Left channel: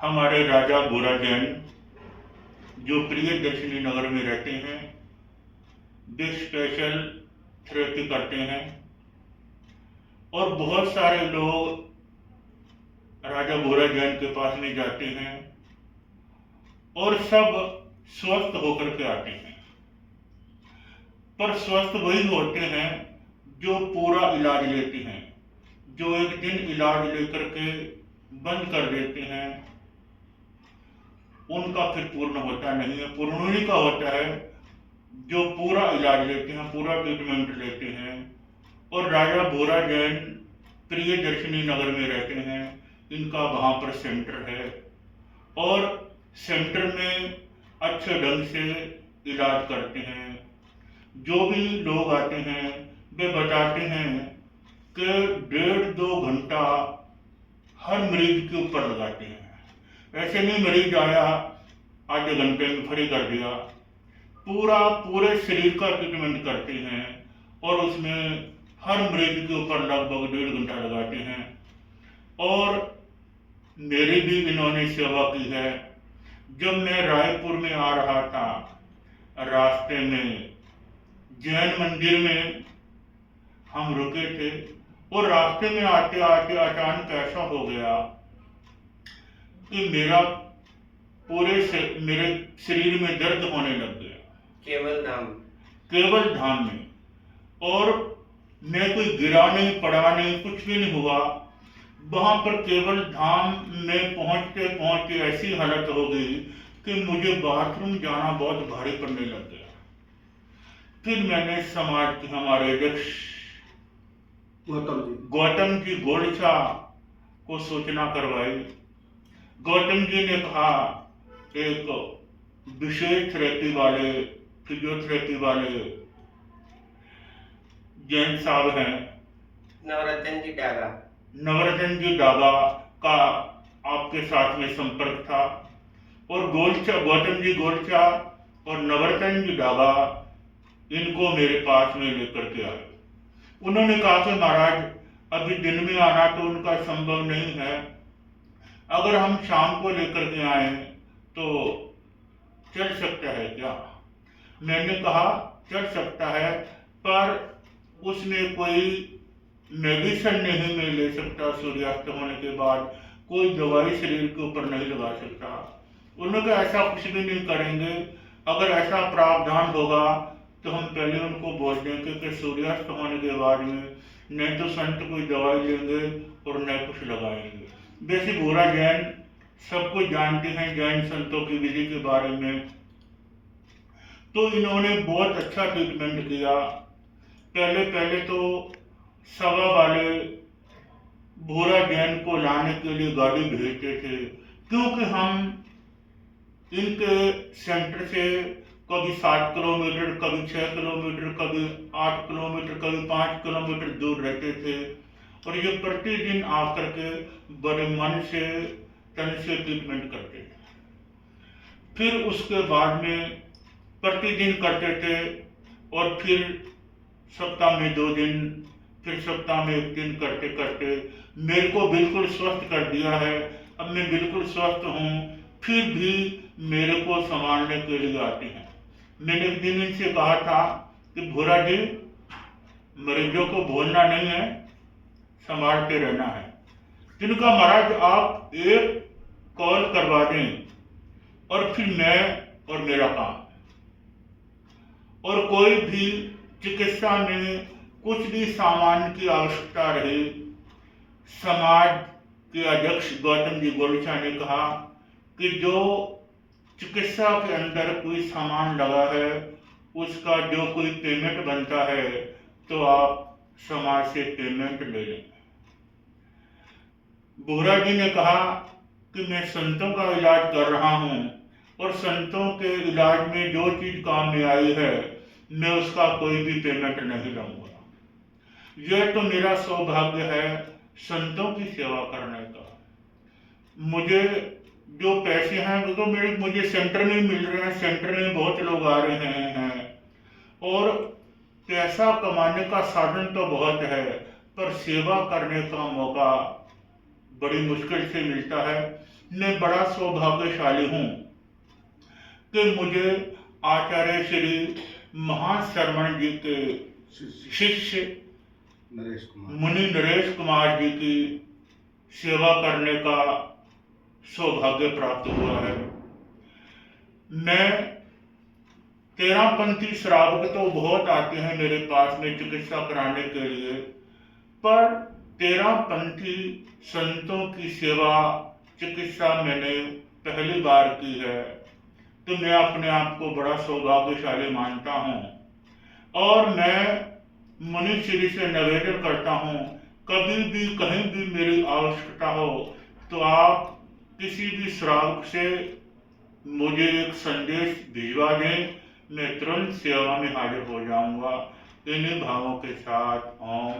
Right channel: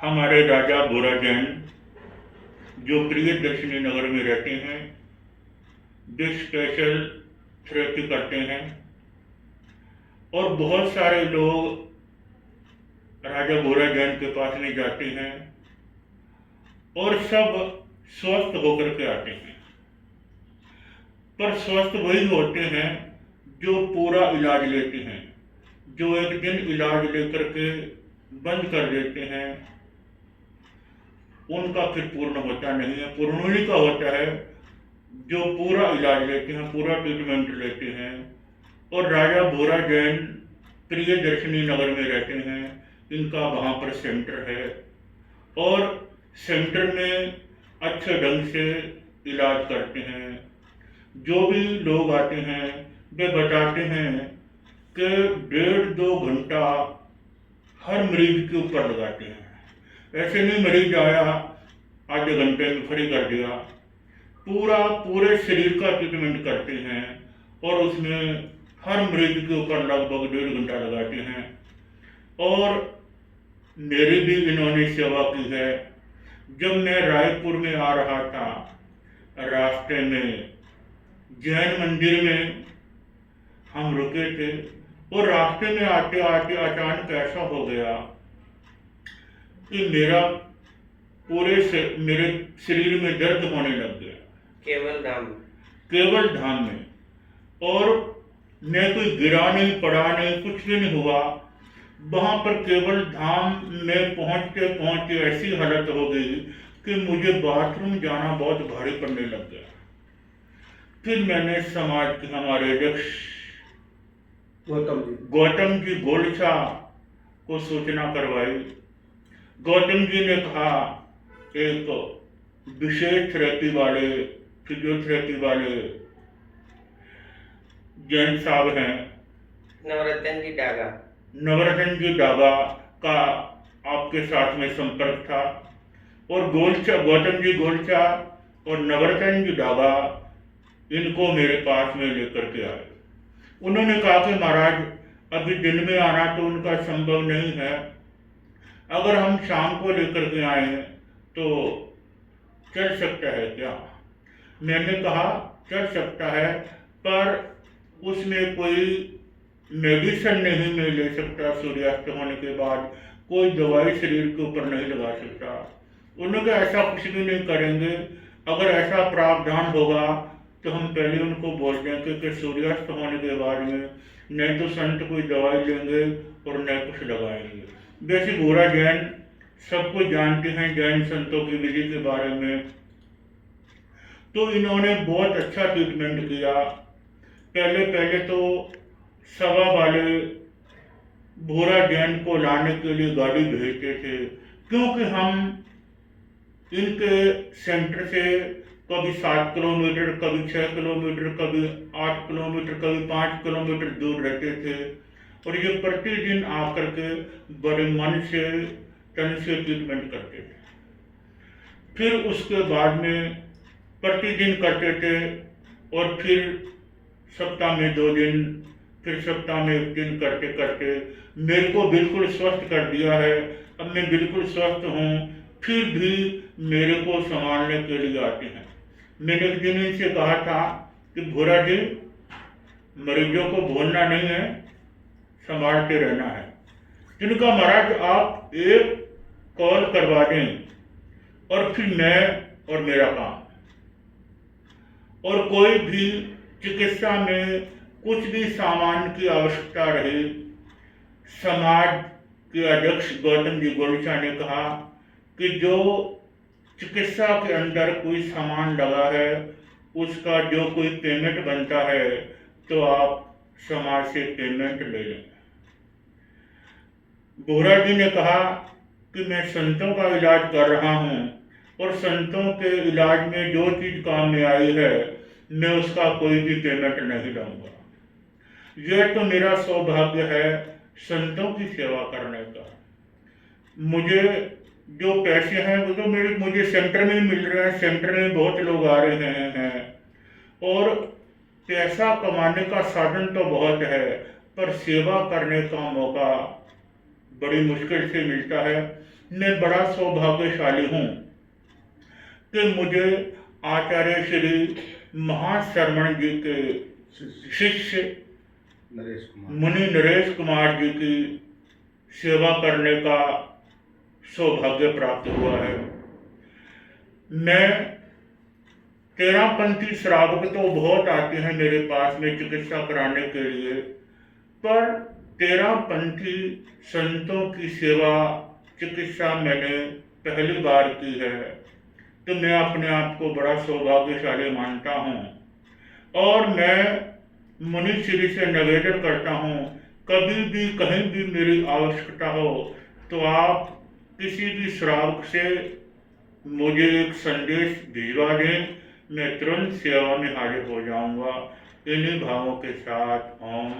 हमारे राजा भोरा जैन जो प्रियदर्शनी नगर में रहते हैं, वे स्पेशल थेरेपी करते हैं और बहुत सारे लोग राजा भोरा जैन के पास में जाते हैं और सब स्वस्थ होकर के आते हैं। पर स्वस्थ वही होते हैं जो पूरा इलाज लेते हैं। जो एक दिन इलाज लेकर के बंद कर देते हैं, उनका फिर पूर्ण होता नहीं है। पूर्ण उन्हीं का होता है जो पूरा इलाज लेते हैं, पूरा ट्रीटमेंट लेते हैं। और राजा भोरा जैन प्रियदर्शनी नगर में रहते हैं। इनका वहाँ पर सेंटर है और सेंटर में अच्छे ढंग से इलाज करते हैं। जो भी लोग आते हैं वे बताते हैं कि 1.5-2 घंटा हर मरीज के ऊपर लगाते हैं। ऐसे नहीं मरीज आया आधे घंटे में फ्री कर दिया, पूरे शरीर का ट्रीटमेंट करते हैं और उसमें हर मरीज के ऊपर लगभग 1.5 घंटा लगाते हैं। और मेरी भी इन्होंने सेवा की है। जब मैं रायपुर में आ रहा था, रास्ते में जैन मंदिर में हम रुके थे और रास्ते में आते आते अचानक ऐसा हो गया कि मेरे शरीर में दर्द होने लग गया। केवल धाम में। और मैं कोई गिरा नहीं, पड़ा नहीं, कुछ भी नहीं हुआ। वहां पर केवल धाम में पहुंचते पहुंचते ऐसी हालत हो गई कि मुझे बाथरूम जाना बहुत भारी पड़ने लग गया। फिर मैंने समाज के हमारे अध्यक्ष गौतम जी गोलचा को सूचना करवाई। गौतम जी ने कहा एक विशेष थेरेपी वाले, फिजियोथेरेपी वाले जैन साहब हैं, नवरत्न जी डागा का आपके साथ में संपर्क था। और गौतम जी गोलचा और नवरत्न जी डागा इनको मेरे पास में लेकर के आए। उन्होंने कहा कि महाराज अभी दिन में आना तो उनका संभव नहीं है, अगर हम शाम को लेकर के आए तो चल सकता है क्या? मैंने कहा चल सकता है, पर उसमें कोई मेडिसिन नहीं मैं ले सकता। सूर्यास्त होने के बाद कोई दवाई शरीर के ऊपर नहीं लगा सकता। उन्होंने कहा ऐसा कुछ भी नहीं करेंगे, अगर ऐसा प्रावधान होगा तो हम पहले उनको बोल देंगे कि सूर्यास्त होने के बाद में नहीं तो संत कोई दवाई लेंगे और न कुछ लगाएंगे। वैसे भोरा जैन सब कुछ जानते हैं जैन संतों की विधि के बारे में, तो इन्होंने बहुत अच्छा ट्रीटमेंट किया। पहले तो सभा वाले भोरा जैन को लाने के लिए गाड़ी भेजते थे, क्योंकि हम इनके सेंटर से कभी 7 किलोमीटर, कभी 6 किलोमीटर, कभी 8 किलोमीटर, कभी 5 किलोमीटर दूर रहते थे। और ये प्रतिदिन आकर के बड़े मन से तन से ट्रीटमेंट करते थे। फिर उसके बाद में प्रतिदिन करते थे और फिर सप्ताह में 2 दिन, फिर सप्ताह में 1 दिन करते करते मेरे को बिल्कुल स्वस्थ कर दिया है। अब मैं बिल्कुल स्वस्थ हूँ, फिर भी मेरे को संभालने के लिए आते हैं। मैंने एक दिन इनसे कहा था कि भोरा जी मरीजों को भूलना नहीं है, संभालते रहना है। जिनका महाराज आप एक कॉल करवा दें और फिर मैं और मेरा काम। और कोई भी चिकित्सा में कुछ भी सामान की आवश्यकता रहे, समाज के अध्यक्ष गौतम जी गोलचा ने कहा कि जो चिकित्सा के अंदर कोई सामान लगा है उसका जो कोई पेमेंट बनता है तो आप समाज से पेमेंट ले लें। भोरा जी ने कहा कि मैं संतों का इलाज कर रहा हूँ और संतों के इलाज में जो चीज काम में आई है मैं उसका कोई भी पेमेंट नहीं लूंगा। यह तो मेरा सौभाग्य है संतों की सेवा करने का। मुझे जो पैसे हैं वो तो मुझे सेंटर में मिल रहे हैं, सेंटर में बहुत लोग आ रहे हैं और पैसा कमाने का साधन तो बहुत है, पर सेवा करने का मौका बड़ी मुश्किल से मिलता है। मैं बड़ा सौभाग्यशाली हूँ कि मुझे आचार्य श्री महाश्रवण जी के शिष्य मुनि नरेश कुमार जी की सेवा करने का सौभाग्य प्राप्त हुआ है। मैं तेरापंथी श्रावक तो बहुत आते हैं मेरे पास में चिकित्सा कराने के लिए, पर तेरापंथी संतों की सेवा चिकित्सा मैंने पहली बार की है, तो मैं अपने आप को बड़ा सौभाग्यशाली मानता हूँ। और मैं मुनि श्री से निवेदन करता हूँ, कभी भी कहीं भी मेरी आवश्यकता हो तो आप किसी भी श्रावक से मुझे एक संदेश भिजवा दें, मैं तुरंत सेवा में हाजिर हो जाऊंगा। इन्हीं भावों के साथ ओम